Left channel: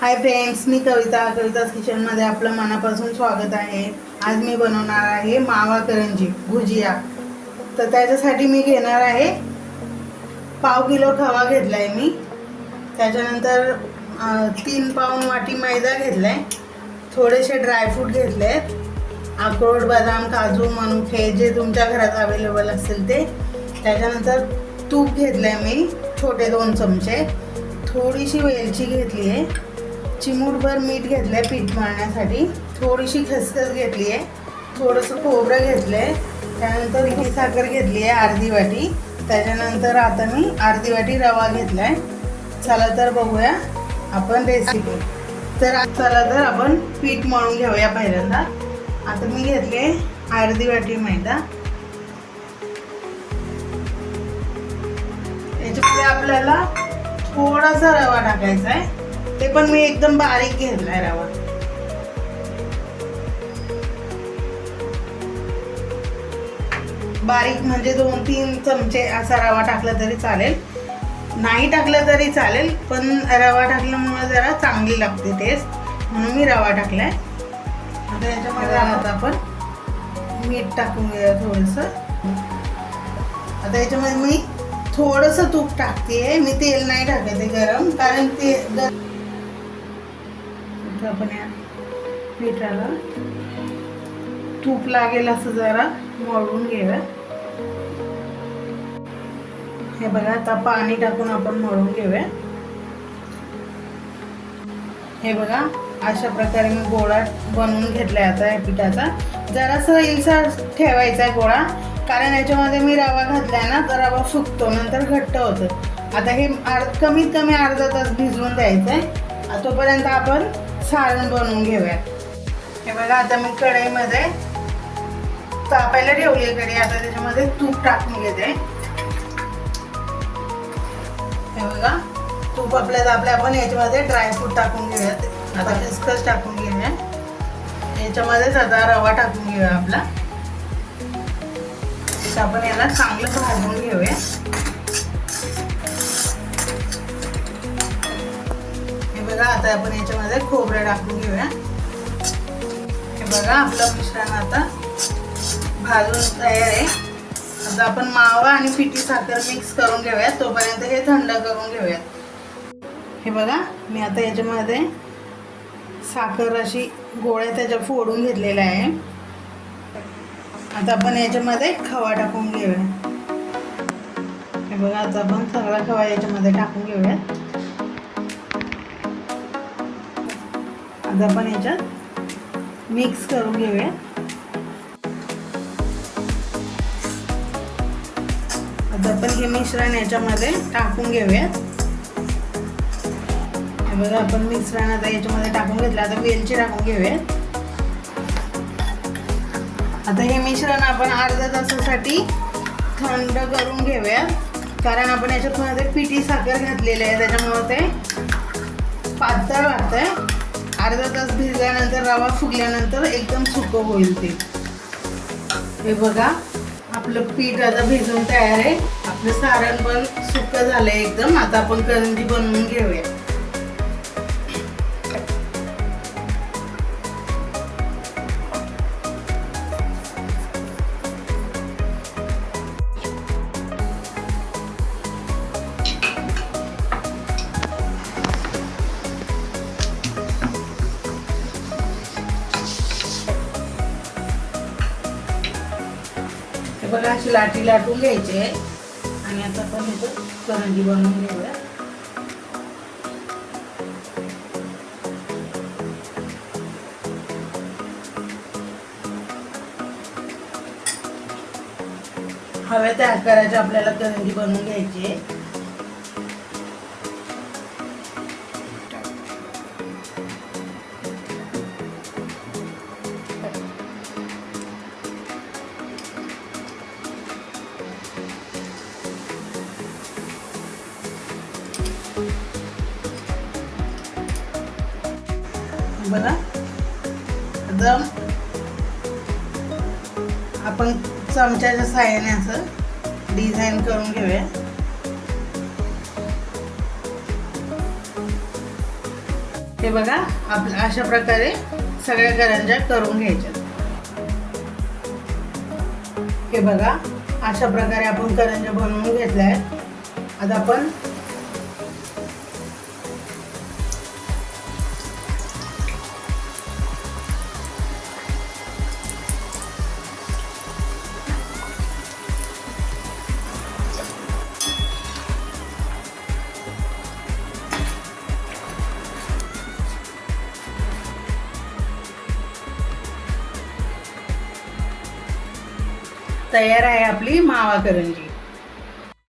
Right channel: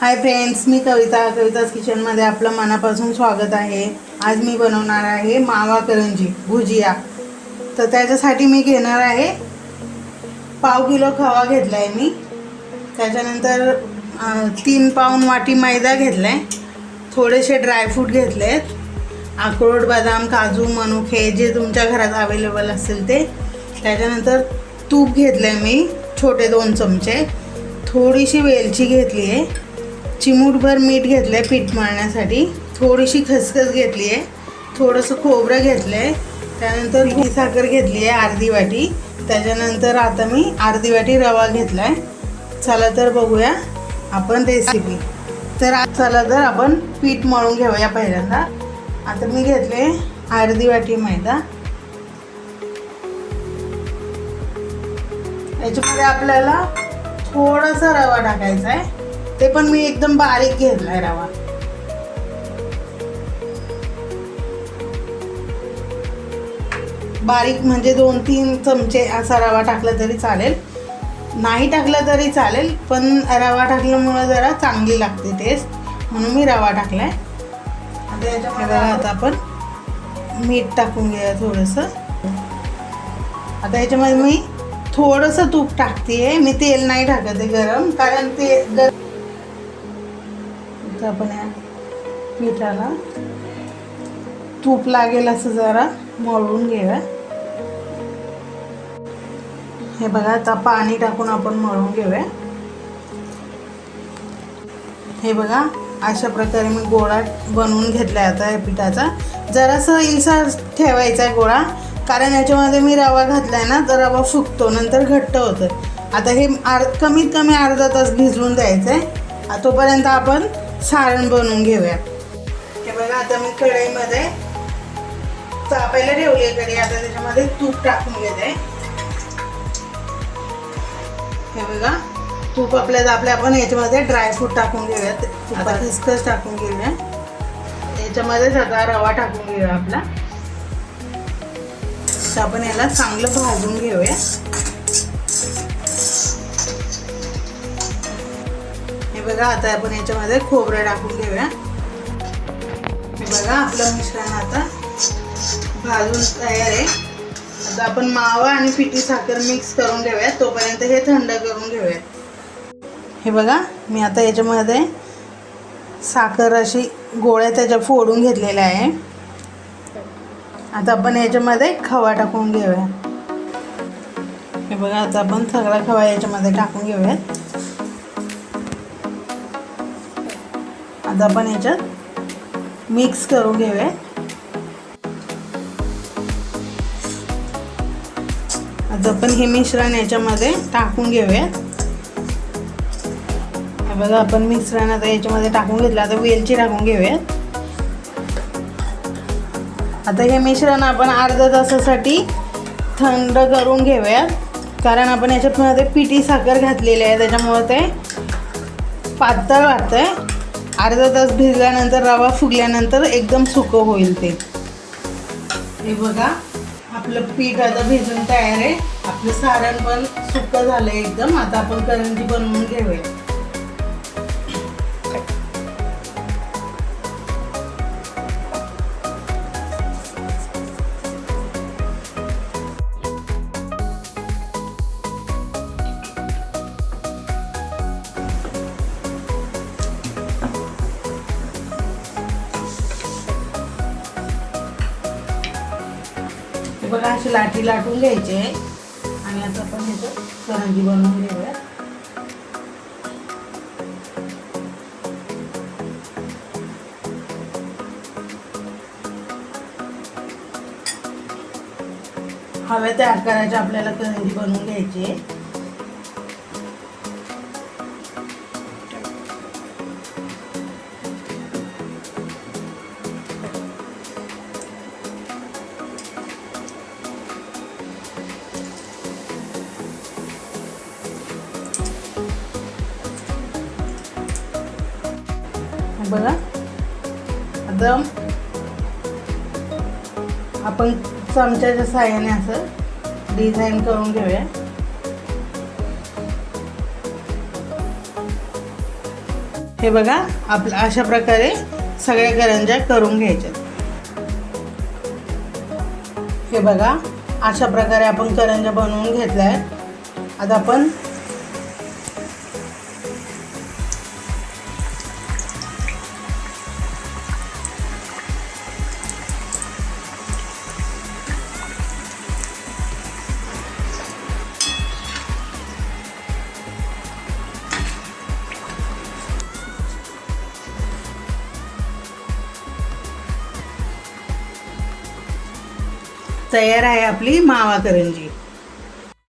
Hi friends, मी कविताज किचनमध्ये आपलं मनापासून स्वागत आहे। आज मी बनवणार आहे मावा करंजी भुजिया। तर त्याच्यासाठी मी घेणार आहे पाव किलो खवा घेतलाय मी। त्याच्यानंतर 3 पाऊण वाटी मैदा घेतलाय, थोडेसे ड्रायफ्रूट घेतलेत, अक्रोड, बदाम, काजू, मनुके जे तुमच्या घरात अवेलेबल असेल ते। त्याच्यानंतर तूप घेतलंय मी छोटे 2 चमचे, थोडीशी वेलची घेतली आहे, चिमूटभर मीठ घेतलंय पीठ मळण्यासाठी, थोडीशी खसखस घेतली आहे, थोडंसं खोबरं घेतलंय, त्यानंतर ही साखर घेतली आहे अर्धी वाटी। त्याच्यानंतर आता मी अर्धी वाटी रवा घेतलाय। चला तर बघूया आपण रेसिपी। चला तर आपण पीठ मळून घेऊया पहिल्यांदा। आता मी घेतले अर्धी वाटी मैदा, याच्यामध्ये आपल्याला थोडासा रवा टाकायचा आहे, ते पण मी एकदम बारीक घेतलाय रवा। बारीक म्हणजे 2-3 चमचे असा रवा टाकला तरी चालेल, नाही टाकला तरी चालेल, पण रवा टाकल्यामुळे जरा चांगली लागते टेस्ट, म्हणून मी रवा टाकलाय। आता याच्यामध्ये आपण मीठ टाकून घेऊया थोडंसं। आता याच्यामध्ये मी थोडंसं तूप टाकते, मी तेल नाही टाकत आहे गरम, कारण ते आपण या पिठाला तूप लागेल असं जरा मळून घेऊया। हे बघा, आता पाणी टाकून आपण मळून घेऊया। हे बघा, अशा प्रकारे मी गोळा बनवून घेतलाय आता या पिठाचा। जरासं इलसर ठेवायचा आहे गोळा, कारण याच्यामध्ये मी रवा घातलाय ना, तर रवा सुकतो, नंतर घट्ट होतं। आता हे कमीत कमी अर्धा तास भिजवून द्यायचं आहे, तोपर्यंत आपण सारण बनवून घेऊया। हे बघा, आता मी कढईमध्ये तापायला ठेवली आहे कढई, आता त्याच्यामध्ये तूप टाकून घेते। हे बघा, तूप आपल्याला आपण याच्यामध्ये ड्रायफ्रूट टाकून घेऊयात, आता खसखस टाकून घेऊया, याच्यामध्येच आता रवा टाकून घेऊया आपला। तर आपण याला चांगलं भाजून घेऊया। हे बघा, आता आपण याच्यामध्ये खोबरं टाकून घेऊया। हे बघा, आपलं मिश्रण आता भाजून तयार आहे। आता आपण मावा आणि पिठी साखर मिक्स करून घेऊया, तोपर्यंत हे थंड करून घेऊया। हे बघा, मी आता याच्यामध्ये साखर अशी गोळ्या त्याच्या फोडून घेतलेल्या आहे। आता आपण याच्यामध्ये खवा टाकून घेऊया। हे बघा, आता आपण सगळा खवा याच्यामध्ये टाकून घेऊया। आता आपण याच्यात मिक्स करून घेऊया। आता आपण हे मिश्रण याच्यामध्ये टाकून घेऊया। हे बघा, आपण मिश्रण आता याच्यामध्ये टाकून घेतलं, आता वेलची टाकून घेऊया। आता हे मिश्रण आपण अर्ध्या तासासाठी थंड करून घेऊया, कारण आपण याच्यामध्ये पिठी साखर घातलेली आहे, त्याच्यामुळे ते पातळ वाटतंय। अर्धा तास भिजल्यानंतर रवा फुगल्यानंतर एकदम सुकं होईल ते। हे बघा, आपलं पीठ आता भिजून तयार आहे, आपलं सारण पण सुकं झालंय एकदम। आता आपण करंजी बनवून घेऊया। बघा, अशी लाटी लाटून घ्यायची आहे आणि आता आपण ह्याचं करंजी बनवून घेऊया। हव्या त्या आकाराची आपल्याला करंजी बनवून घ्यायची आहे। बघा, आता आपण चमच्याच्या साहाय्याने असं डिझाईन करून घेऊया। हे बघा आपलं अशा प्रकारे सगळ्या करंज्या करून घ्यायच्यात. हे बघा अशा प्रकारे आपण करंज्या बनवून घेतल्या आहेत. आता आपण तयार आहे आपली मावा करंजी.